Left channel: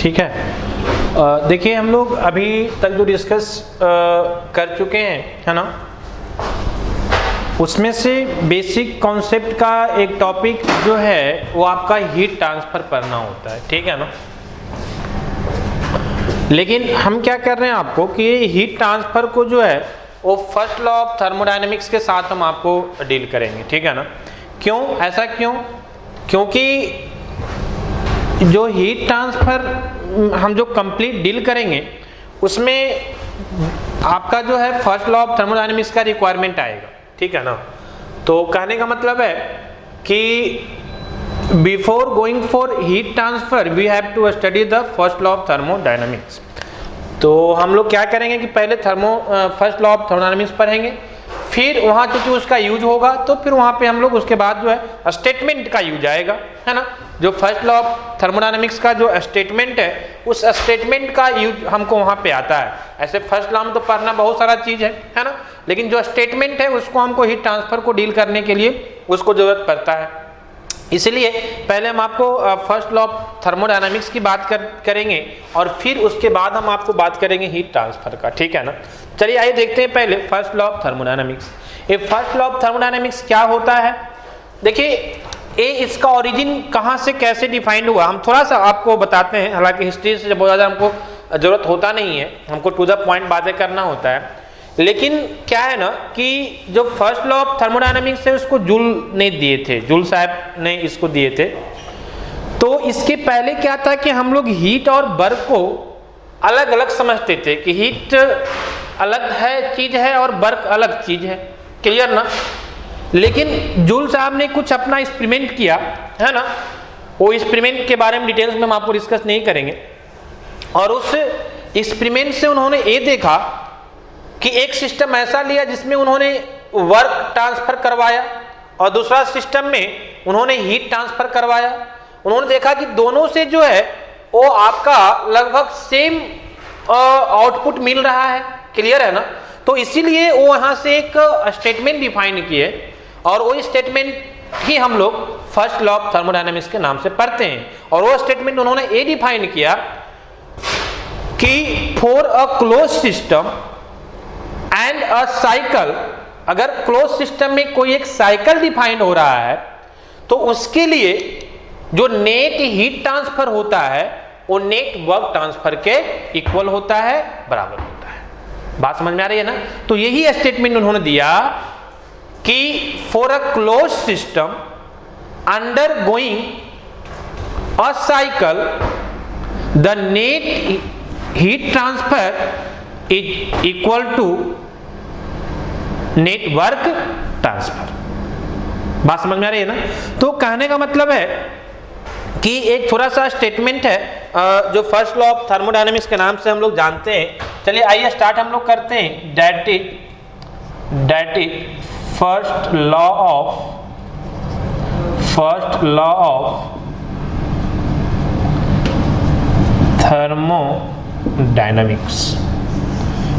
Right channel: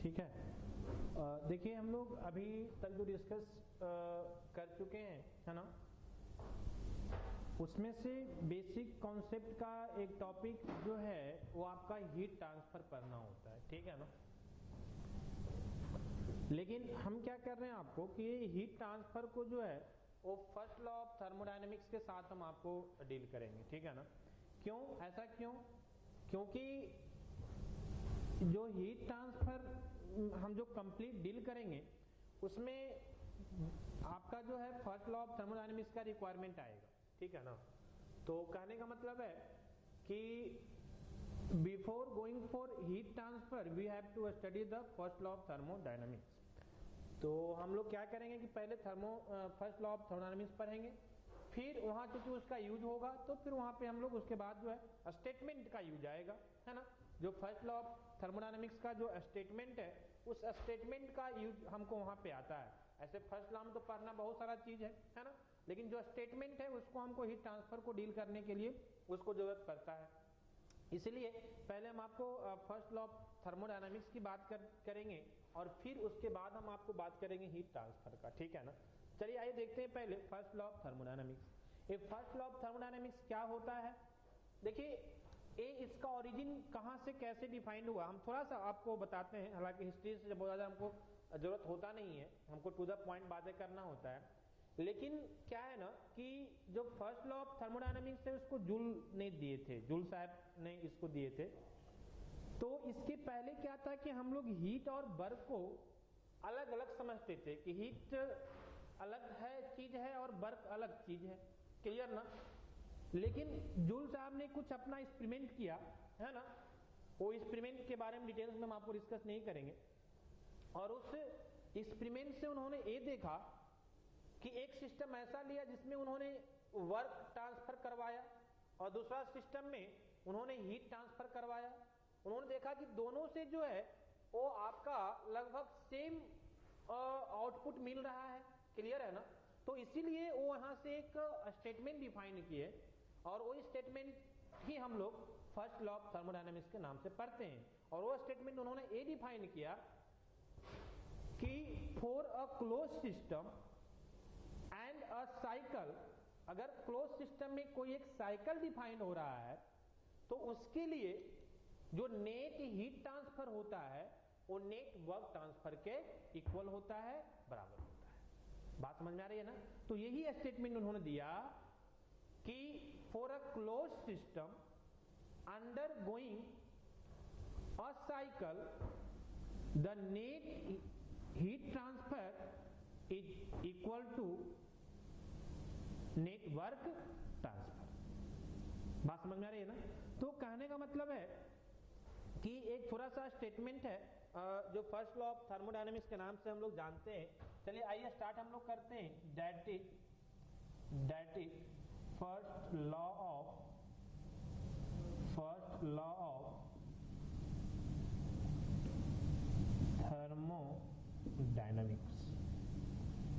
ठीक है। देखिए हम लोग अभी तक जो डिस्कस कर चुके हैं, है ना, उसमें से बेसिक कॉन्सेप्ट का एक टॉपिक जो है वो आपका हीट ट्रांसफर करना होता है, ठीक है ना। लेकिन हम क्या कर रहे हैं आपको कि हीट ट्रांसफर को जो है वो फर्स्ट लॉ ऑफ थर्मोडायनेमिक्स के साथ हम आपको डील करेंगे, ठीक है ना। क्यों, ऐसा क्यों? क्योंकि जो हीट ट्रांसफर हम जो कंप्लीट डील करेंगे उसमें आपका जो है फर्स्ट लॉ ऑफ थर्मोडायनेमिक्स का रिक्वायरमेंट आएगा, ठीक है ना। तो कहने का मतलब है कि before going for heat transfer we have to study the first law of thermodynamics. तो हम लोग क्या करेंगे कि पहले फर्स्ट लॉ ऑफ थर्मोडायनेमिक्स पढ़ेंगे, फिर वहाँ चूंकि उसका यूज होगा तो फिर वहाँ पे हम लोग उसके बाद जो है स्टेटमेंट का यूज आएगा, है ना। जो फर्स्ट लॉ ऑफ थर्मोडायनेमिक्स का जो स्टेटमेंट है उस स्टेटमेंट का यूज हमको वहाँ पे आता है। ऐसे फर्स्ट लॉ में तो पढ़ना बहुत सारा चीज है ना, लेकिन जो स्टेटमेंट है उसको हमको हीट ट्रांसफर को डील करने के लिए उसको जरूरत पड़ता है। इसलिए पहले हम आपको फर्स्ट लॉ ऑफ थर्मोडायनामिक्स की बात करेंगे और फिर उसके बाद हम आपको बात करेंगे हीट ट्रांसफर का, ठीक है ना। चलिए आइए देखते हैं पहले फर्स्ट लॉ ऑफ थर्मोडायनामिक्स। ये फर्स्ट लॉ ऑफ थर्मोडायनामिक्स क्या होता है? देखिए ये इसका ओरिजिन कहाँ से कैसे डिफाइंड हुआ हम थोड़ा सा आपको बताते हैं। हालांकि हिस्ट्री से बहुत ज़्यादा हमको जरूरत होता नहीं है, हमको टू द पॉइंट बातें करना होता है। लेकिन क्या है ना कि जो फर्स्ट लॉ ऑफ थर्मोडायनामिक्स है उसको जूल ने दिए थे, जूल साहब ने इसको दिए थे। तो इसके पहले क्या था कि हम लोग हीट और वर्क को अलग अलग समझते थे कि हीट अलग है चीज है और वर्क अलग चीज है, क्लियर ना। लेकिन जूल साहब ने कुछ अपना एक्सपेरिमेंट किया, है ना। वो एक्सपेरिमेंट के बारे में डिटेल्स में हम आपको डिस्कस नहीं करेंगे। और उस एक्सपेरिमेंट से उन्होंने ये देखा कि एक सिस्टम ऐसा लिया जिसमें उन्होंने वर्क ट्रांसफर करवाया और दूसरा सिस्टम में उन्होंने हीट ट्रांसफर करवाया। उन्होंने देखा कि दोनों से जो है वो आपका लगभग सेम आउटपुट मिल रहा है, क्लियर है ना। तो इसीलिए वो वहां से एक स्टेटमेंट डिफाइन किए और वो स्टेटमेंट ही हम लोग फर्स्ट लॉ ऑफ थर्मोडायनामिक्स के नाम से पढ़ते हैं। और वो स्टेटमेंट उन्होंने ये डिफाइन किया कि for a close system and a cycle, अगर क्लोज सिस्टम में कोई एक साइकिल डिफाइन हो रहा है तो उसके लिए जो नेट हीट ट्रांसफर होता है वो नेट वर्क ट्रांसफर के इक्वल होता है, बराबर होता है। बात समझ में आ रही है ना। तो यही स्टेटमेंट उन्होंने दिया कि for a close system undergoing a cycle the net heat transfer is equal to net work transfer. बात समझ में आ रही है ना। तो कहने का मतलब है कि एक थोड़ा सा स्टेटमेंट है जो फर्स्ट लॉ ऑफ थर्मोडायनामिक्स के नाम से हम लोग जानते हैं। चलिए आइए स्टार्ट हम लोग करते हैं। That is first law of thermodynamics,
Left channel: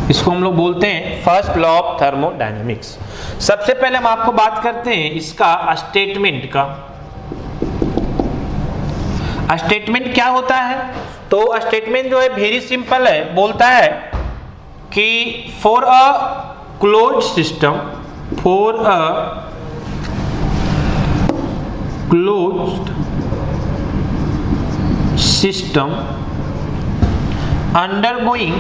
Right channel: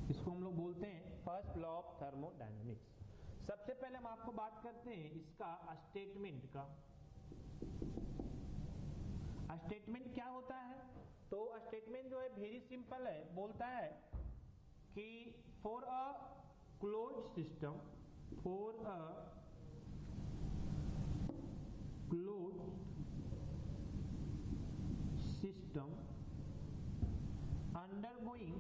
इसको हम लोग बोलते हैं फर्स्ट लॉ ऑफ थर्मोडायनामिक्स। सबसे पहले हम आपको बात करते हैं इसका स्टेटमेंट का। स्टेटमेंट क्या होता है? तो स्टेटमेंट जो है वेरी सिंपल है, बोलता है कि for a closed system, for a closed system undergoing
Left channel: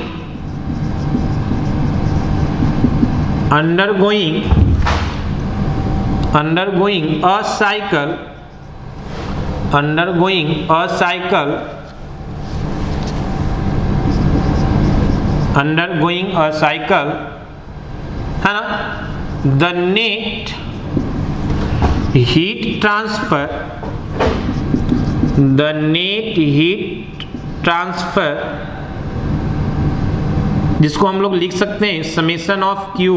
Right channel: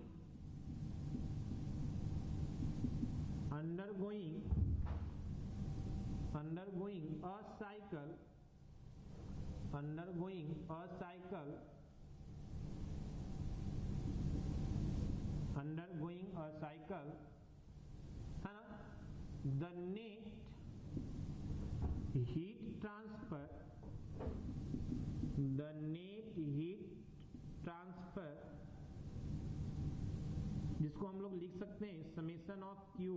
a cycle है ना, the net heat transfer जिसको हम लोग लिख सकते हैं समेशन ऑफ क्यू,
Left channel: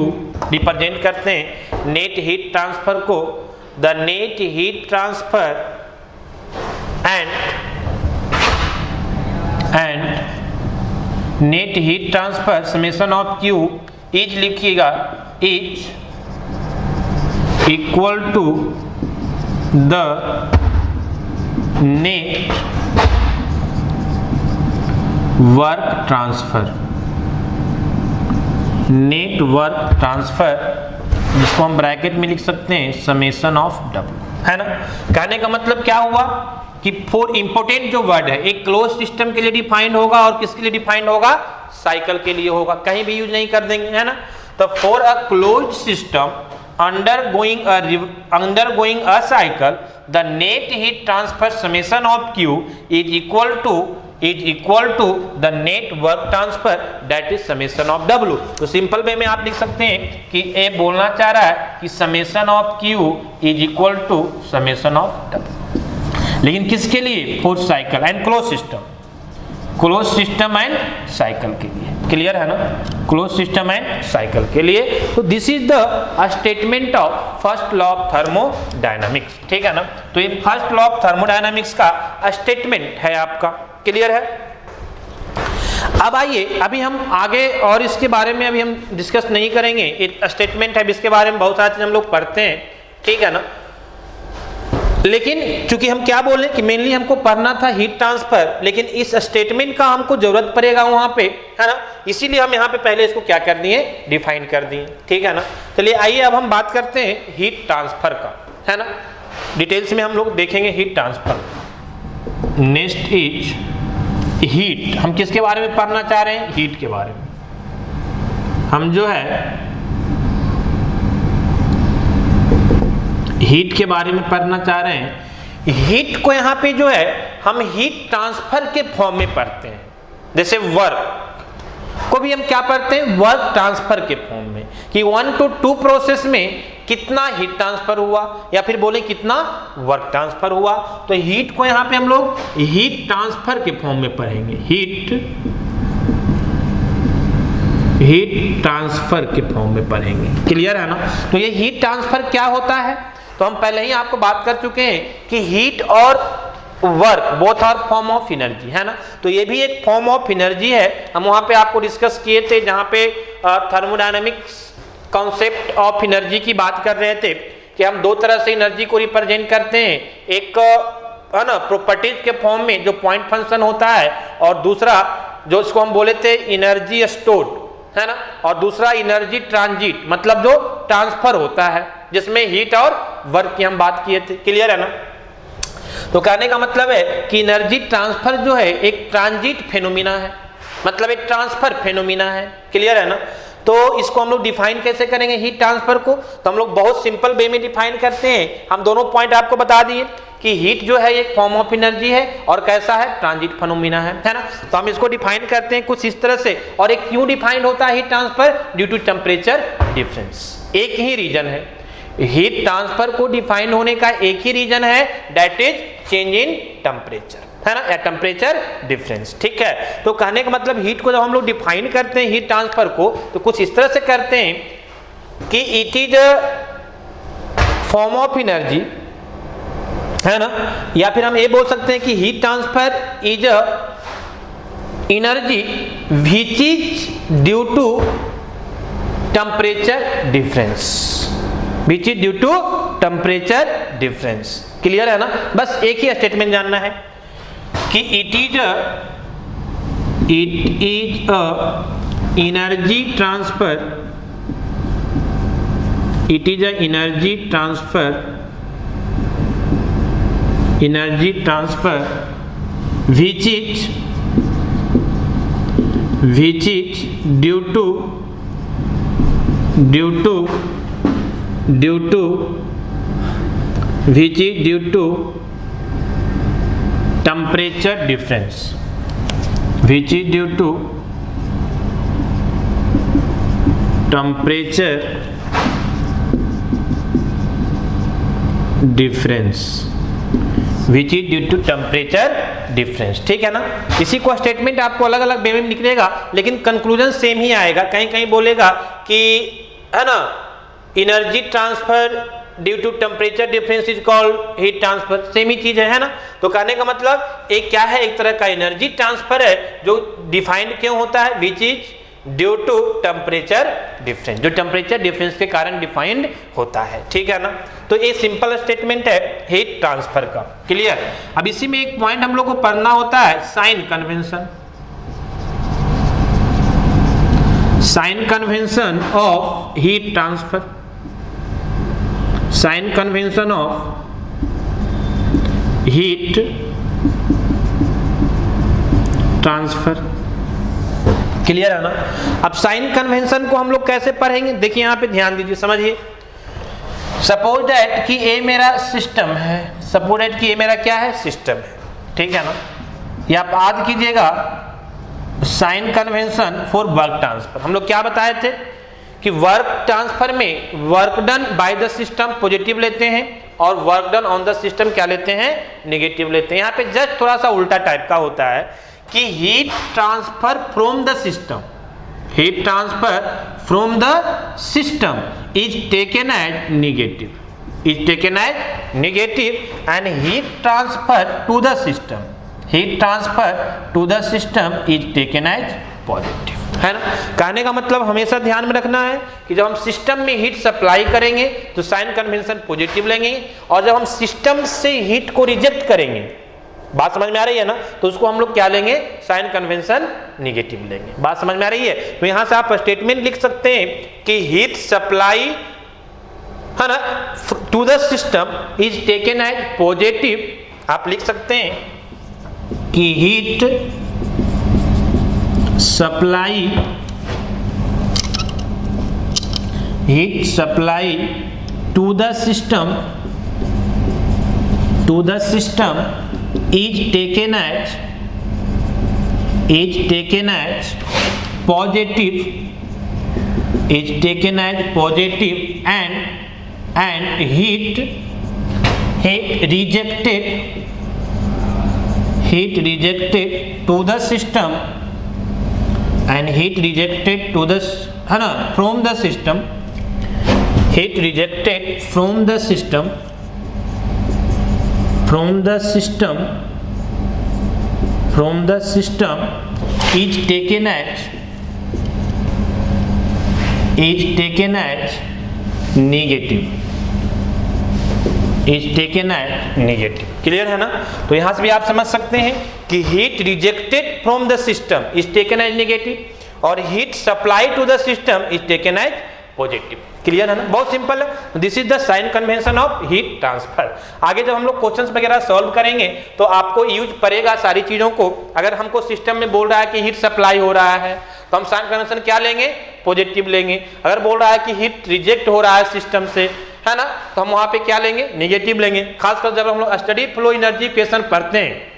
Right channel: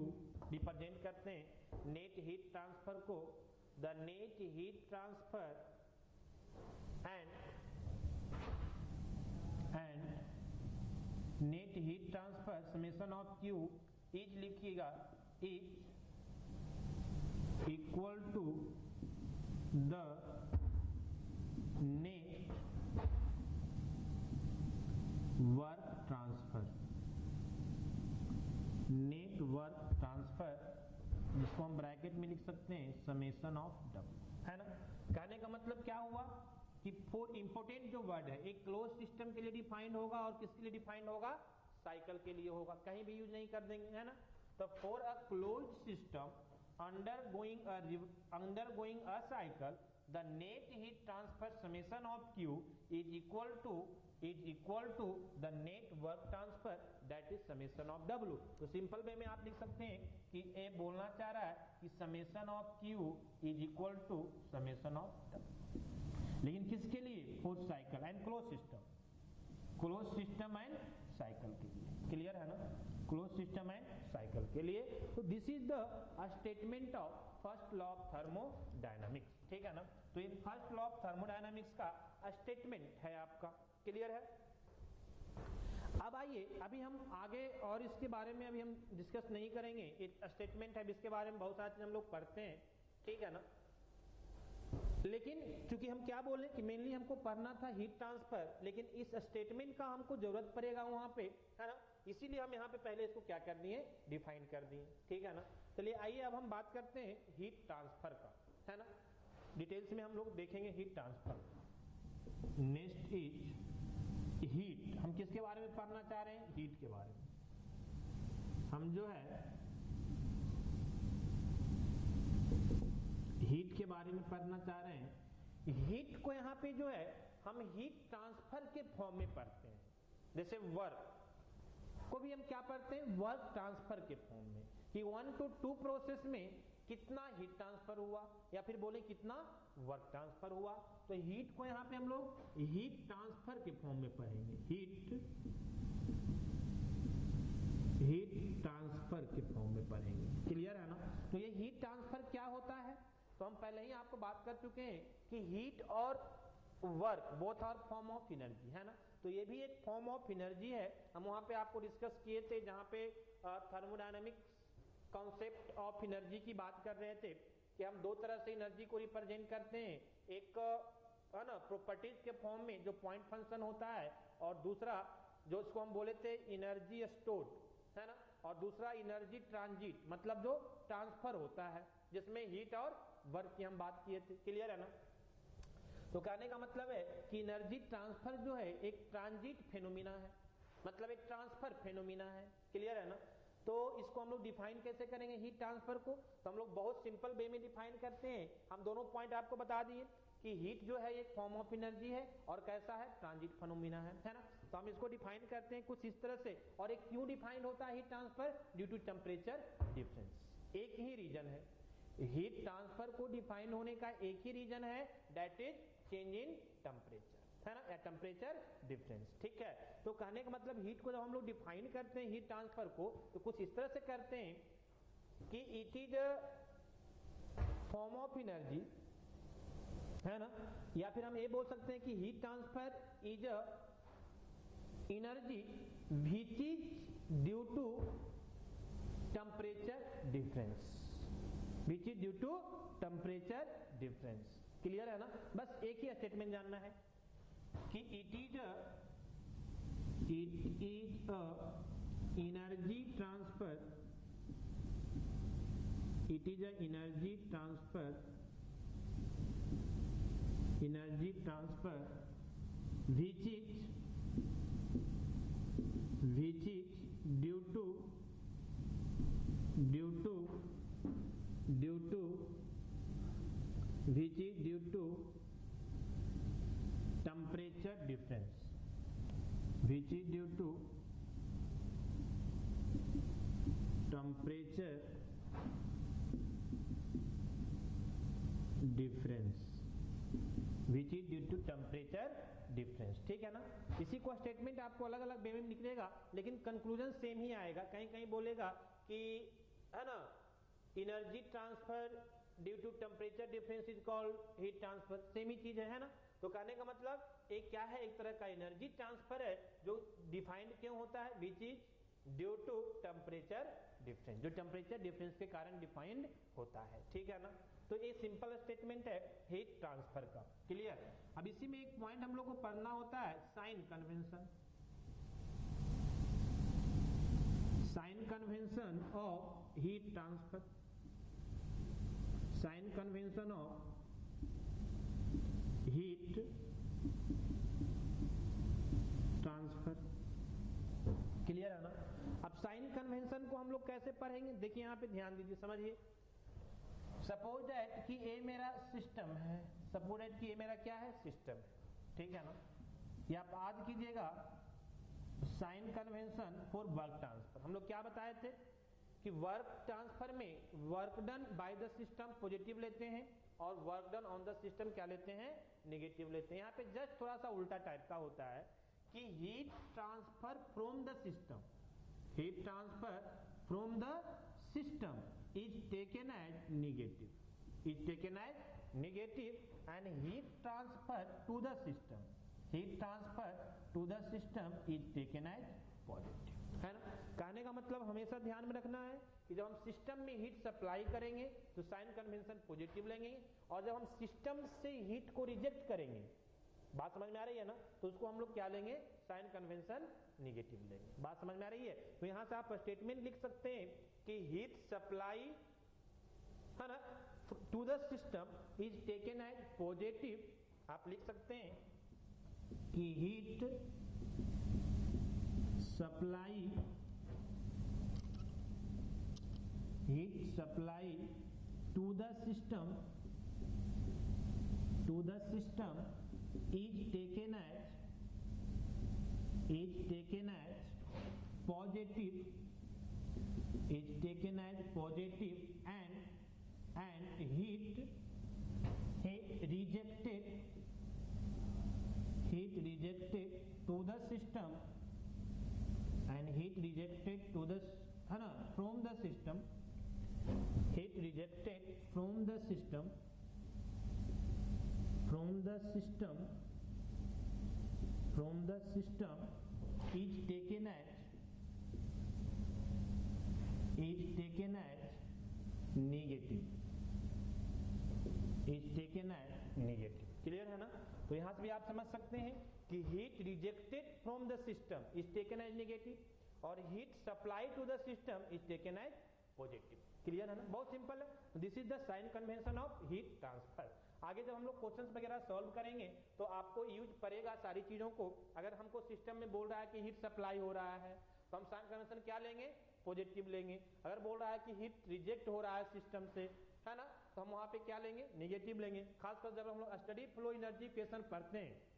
रिप्रेजेंट करते हैं नेट हीट ट्रांसफर को। The net heat transfer and net heat transfer summation of Q is लिखिएगा, is equal to the net work transfer, net work transfer, जिसको हम ब्रैकेट में लिख सकते हैं समेशन ऑफ W, है ना। कहने का मतलब क्या हुआ कि फोर इंपोर्टेंट जो वर्ड है एक क्लोज सिस्टम के लिए डिफाइंड होगा और किसके लिए डिफाइंड होगा, साइकिल के लिए होगा, कहीं भी यूज नहीं कर देंगे, है ना। तो for a close system undergoing a cycle, the net heat transfer summation of Q is equal to the net work transfer that is summation of W। तो सिंपल वे में आप लिख सकते हैं कि ए बोलना चाह रहा है कि summation of Q is equal to summation of W, लेकिन किसके लिए, for cycle and close system, close system and cycle के लिए, क्लियर है ना, क्लोज सिस्टम एंड साइकिल के लिए। तो this is the statement of first law of thermodynamics, ठीक है ना। तो ये फर्स्ट लॉ ऑफ थर्मोडायनामिक्स का स्टेटमेंट है आपका, क्लियर है। अब आइए अभी हम आगे और इसके बारे में अभी हम डिस्कस नहीं करेंगे, एक स्टेटमेंट है इसके बारे में बहुत सारी चीज हम लोग पढ़ते हैं, ठीक है ना। लेकिन चूंकि हम क्या बोले कि मेनली हमको पढ़ना था हीट ट्रांसफर, लेकिन इस स्टेटमेंट का हमको जरूरत पड़ेगा वहां पे, है ना, इसीलिए हम यहाँ पे पहले इसको क्या कर दिए, डिफाइन कर दिए, ठीक है ना। चलिए आइए अब हम बात करते हैं हीट ट्रांसफर का, है ना, डिटेल्स में हम लोग देखेंगे heat transfer. Next is heat, हम किसके बारे में पढ़ना चाह रहे हैं, हीट के बारे में। हम जो है हीट के बारे में पढ़ना चाह रहे हैं। हीट को यहाँ पे जो है हम हीट ट्रांसफर के फॉर्म में पढ़ते हैं, जैसे वर्क को भी हम क्या पढ़ते हैं, वर्क ट्रांसफर के फॉर्म में, कि 1 to 2 प्रोसेस में कितना हीट ट्रांसफर हुआ या फिर बोले कितना वर्क ट्रांसफर हुआ। तो हीट को यहाँ पे हम लोग हीट ट्रांसफर के फॉर्म में पढ़ेंगे, हीट ट्रांसफर के फॉर्म में पढ़ेंगे, क्लियर है ना। तो ये हीट ट्रांसफर क्या होता है, तो हम पहले ही आपको बात कर चुके हैं कि हीट और work both are form of energy, है ना। तो ये भी एक फॉर्म ऑफ एनर्जी है, हम वहां पे आपको डिस्कस किए थे जहां पे थर्मोडायनामिक्स कॉन्सेप्ट ऑफ एनर्जी की बात कर रहे थे कि हम दो तरह से एनर्जी को रिप्रेजेंट करते हैं, एक है ना प्रॉपर्टीज के फॉर्म में जो पॉइंट फंक्शन होता है, और दूसरा जो इसको हम बोले थे एनर्जी स्टोर्ड, है ना, और दूसरा एनर्जी ट्रांजिट, मतलब जो ट्रांसफर होता है जिसमें हीट और वर्क की हम बात किए थे, क्लियर है ना। तो कहने का मतलब है कि एनर्जी ट्रांसफर जो है एक ट्रांजिट फेनोमिना है, मतलब एक ट्रांसफर फेनोमिना है, क्लियर है ना। तो इसको हम लोग डिफाइन कैसे करेंगे हीट ट्रांसफर को, तो हम लोग बहुत सिंपल वे में डिफाइन करते हैं। हम दोनों पॉइंट आपको बता दिए कि हीट जो है एक फॉर्म ऑफ एनर्जी है और कैसा है, ट्रांजिट फेनोमेना है ना। तो हम इसको डिफाइन करते हैं कुछ इस तरह से। और एक क्यों डिफाइन होता है heat transfer, due to temperature difference. एक ही रीजन है हीट ट्रांसफर को डिफाइन होने का, एक ही रीजन है, that is change in temperature, है ना, या टेम्परेचर डिफरेंस, ठीक है। तो कहने का मतलब हीट को जब हम लोग डिफाइन करते हैं हीट ट्रांसफर को, तो कुछ इस तरह से करते हैं कि it is form of energy, है ना, या फिर हम ये बोल सकते हैं कि heat transfer is energy which is due to temperature difference, which is due to temperature difference, clear है ना। बस एक ही स्टेटमेंट जानना है कि it is energy transfer, it is energy transfer which is due to temperature difference, which is due to temperature difference, which is due to temperature difference, ठीक है ना। इसी को स्टेटमेंट आपको अलग अलग वे में निकलेगा, लेकिन कंक्लूजन सेम ही आएगा। कहीं कहीं बोलेगा कि है ना energy transfer due to temperature difference is called heat transfer, same ही चीज है ना। तो कहने का मतलब एक क्या है, एक तरह का एनर्जी ट्रांसफर है जो डिफाइंड क्यों होता है, which is due to temperature difference, जो टेम्परेचर डिफरेंस के कारण डिफाइंड होता है, ठीक है ना। तो ये सिंपल स्टेटमेंट है हीट ट्रांसफर का, क्लियर। अब इसी में एक पॉइंट हम लोग को पढ़ना होता है sign convention, sign convention of heat transfer, sign convention of heat transfer. Clear है ना? अब साइन कन्वेंशन को हम लोग कैसे पढ़ेंगे, देखिए यहां पे ध्यान दीजिए, समझिए। सपोज दैट कि ए मेरा सिस्टम है, सपोज दैट कि ये मेरा क्या है, सिस्टम है, ठीक है ना? ये आप याद कीजिएगा, sign convention for work transfer. हम लोग क्या बताए थे कि वर्क ट्रांसफर में work done by the system positive लेते हैं और work done on the system क्या लेते हैं, नेगेटिव लेते हैं। यहाँ पे जस्ट थोड़ा सा उल्टा टाइप का होता है कि heat transfer from the system, heat transfer from the system is taken as negative, is taken as negative and heat transfer to the system, heat transfer to the system is taken as positive, है ना? कहने का मतलब हमेशा ध्यान में रखना है कि जब हम सिस्टम में हीट सप्लाई करेंगे तो साइन कन्वेंशन पॉजिटिव लेंगे, और जब हम सिस्टम से हीट को रिजेक्ट करेंगे, बात समझ में आ रही है ना, तो उसको हम लोग क्या लेंगे, साइन कन्वेंशन निगेटिव लेंगे। बात समझ में आ रही है? तो यहां से आप स्टेटमेंट लिख सकते हैं कि हीट सप्लाई, है ना, to the system is taken as positive. आप लिख सकते हैं कि heat supply, heat supply to the system, to the system is taken as positive, is taken as positive and heat rejected to the system, and heat rejected to the, है ना, from the system, heat rejected from the system, from the system is taken as negative, is taken as negative। Clear है ना? तो यहां से भी आप समझ सकते हैं कि heat rejected from the system is taken as negative और heat supply to the system is taken as positive. Clear है ना? बहुत सिंपल है। This is the sign convention of heat transfer. आगे जब हम लोग क्वेश्चंस वगैरह सॉल्व करेंगे तो आपको यूज पड़ेगा सारी चीजों को। अगर हमको सिस्टम में बोल रहा है कि हीट सप्लाई हो रहा है तो हम साइन कन्वेंशन क्या लेंगे, पॉजिटिव लेंगे। अगर बोल रहा है कि हीट रिजेक्ट हो रहा है सिस्टम से, है ना, तो हम वहां पे क्या लेंगे, नेगेटिव लेंगे। खासकर जब हम लोग स्टडी फ्लो एनर्जी इक्वेशन पढ़ते हैं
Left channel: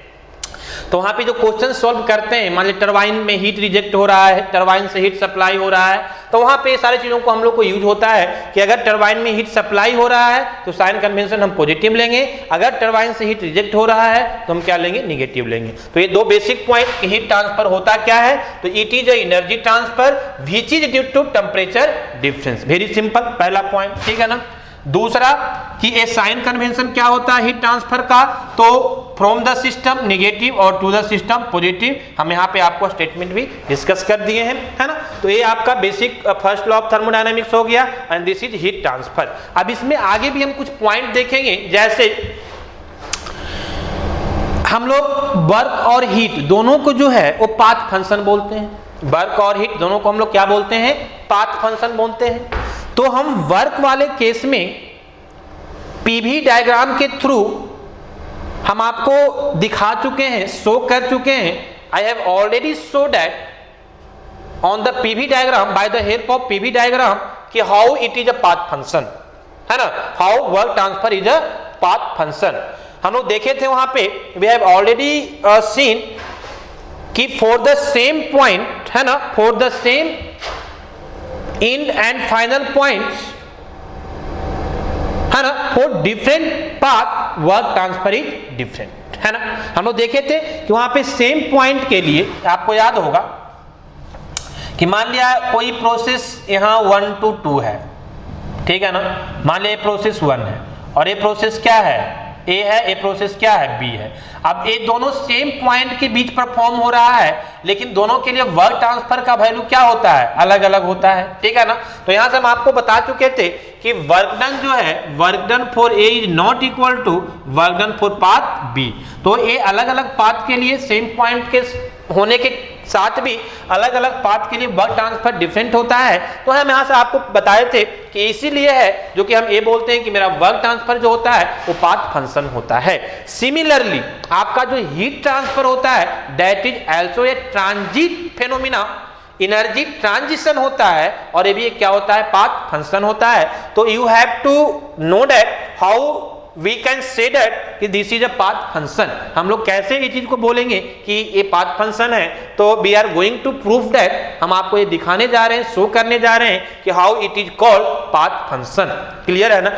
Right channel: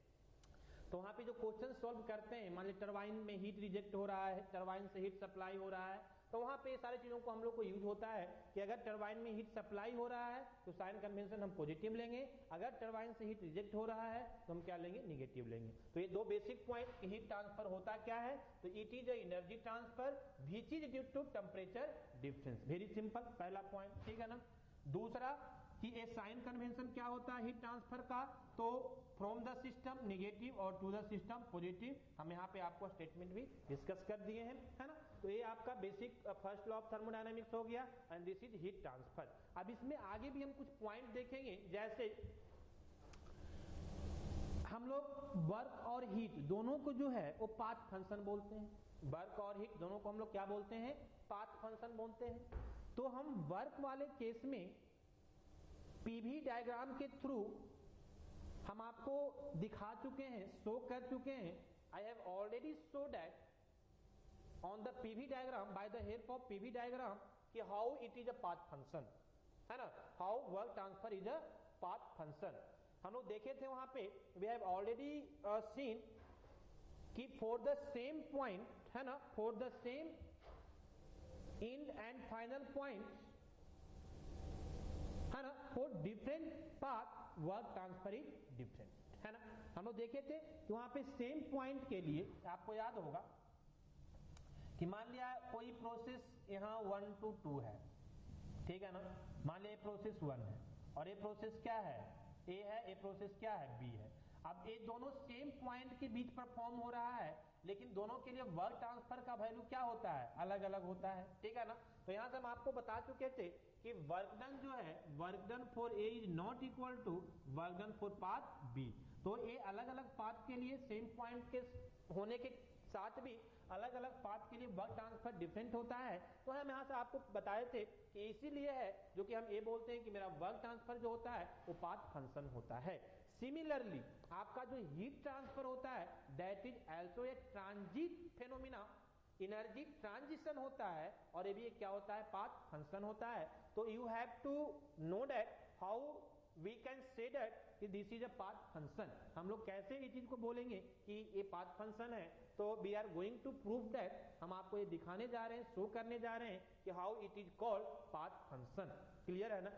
तो वहां पे जो क्वेश्चन सॉल्व करते हैं, मान लीजिए टरबाइन में हीट रिजेक्ट हो रहा है, टरबाइन से हीट सप्लाई हो रहा है, तो वहां पे सारी चीजों को हम लोग को यूज होता है कि अगर टरबाइन में हीट सप्लाई हो रहा है तो साइन कन्वेंशन हम पॉजिटिव लेंगे, अगर टरबाइन से हीट रिजेक्ट हो रहा है तो हम क्या लेंगे, नेगेटिव लेंगे। तो ये दो बेसिक पॉइंट, हीट ट्रांसफर होता क्या है, तो it is energy transfer which is due to temperature difference. Very simple, पहला पॉइंट, ठीक है ना। दूसरा कि ए साइन कन्वेंशन क्या होता है हीट ट्रांसफर का, तो फ्रॉम द सिस्टम नेगेटिव और टू द सिस्टम पॉजिटिव। हम यहाँ पे आपको स्टेटमेंट भी डिस्कस कर दिए हैं, है ना। तो ये आपका basic first law of thermodynamics हो गया and this is heat transfer. अब इसमें आगे भी हम कुछ पॉइंट देखेंगे, जैसे हम लोग वर्क और हीट दोनों को जो है वो पाथ फंक्शन बोलते हैं। वर्क और हीट दोनों को हम लोग क्या बोलते हैं, पाथ फंक्शन बोलते हैं। तो हम वर्क वाले केस में पीवी डायग्राम के थ्रू हम आपको दिखा चुके हैं, शो कर चुके हैं। I have already show that on the PV diagram by the help of PV diagram कि how it is a path function, है ना, how work transfer is a path function. हम लोग देखे थे वहां पे, वी हैव ऑलरेडी सीन कि फॉर द सेम पॉइंट, है ना, for the same end and final points, है ना, for different path work transfer is different, है ना। हम लोग देखे थे कि वहां पे सेम पॉइंट के लिए आपको याद होगा कि मान लिया कोई प्रोसेस यहां 1 to 2 है, ठीक है ना। मान लिया प्रोसेस 1 है और ये प्रोसेस क्या है, ए है, ए प्रोसेस क्या है, बी है। अब ये दोनों सेम पॉइंट के बीच परफॉर्म हो रहा है, लेकिन दोनों के लिए वर्क ट्रांसफर का वैल्यू क्या होता है, अलग अलग होता है, ठीक है ना। तो यहां से हम आपको बता चुके थे कि वर्क डन जो है, work done for A is not equal to work done for path B. तो ये अलग अलग पाथ के लिए सेम पॉइंट के होने के साथ भी अलग अलग पाथ के लिए वर्क ट्रांसफर डिफरेंट होता है। तो हम यहाँ से आपको बताए थे कि इसीलिए है जो कि हम ये बोलते हैं कि मेरा वर्क ट्रांसफर जो होता है वो पाथ फंक्शन होता है। सिमिलरली आपका जो हीट ट्रांसफर होता है that is also a transit phenomena, energy transition होता है और ये भी क्या होता है, पाथ फंक्शन होता है। तो you have to know that how we can say that कि this is a path function. हम लोग कैसे ये चीज को बोलेंगे कि ये पाथ फंक्शन है, तो we are going to prove that, हम आपको ये दिखाने जा रहे हैं, शो करने जा रहे हैं कि how it is called path function. Clear है ना।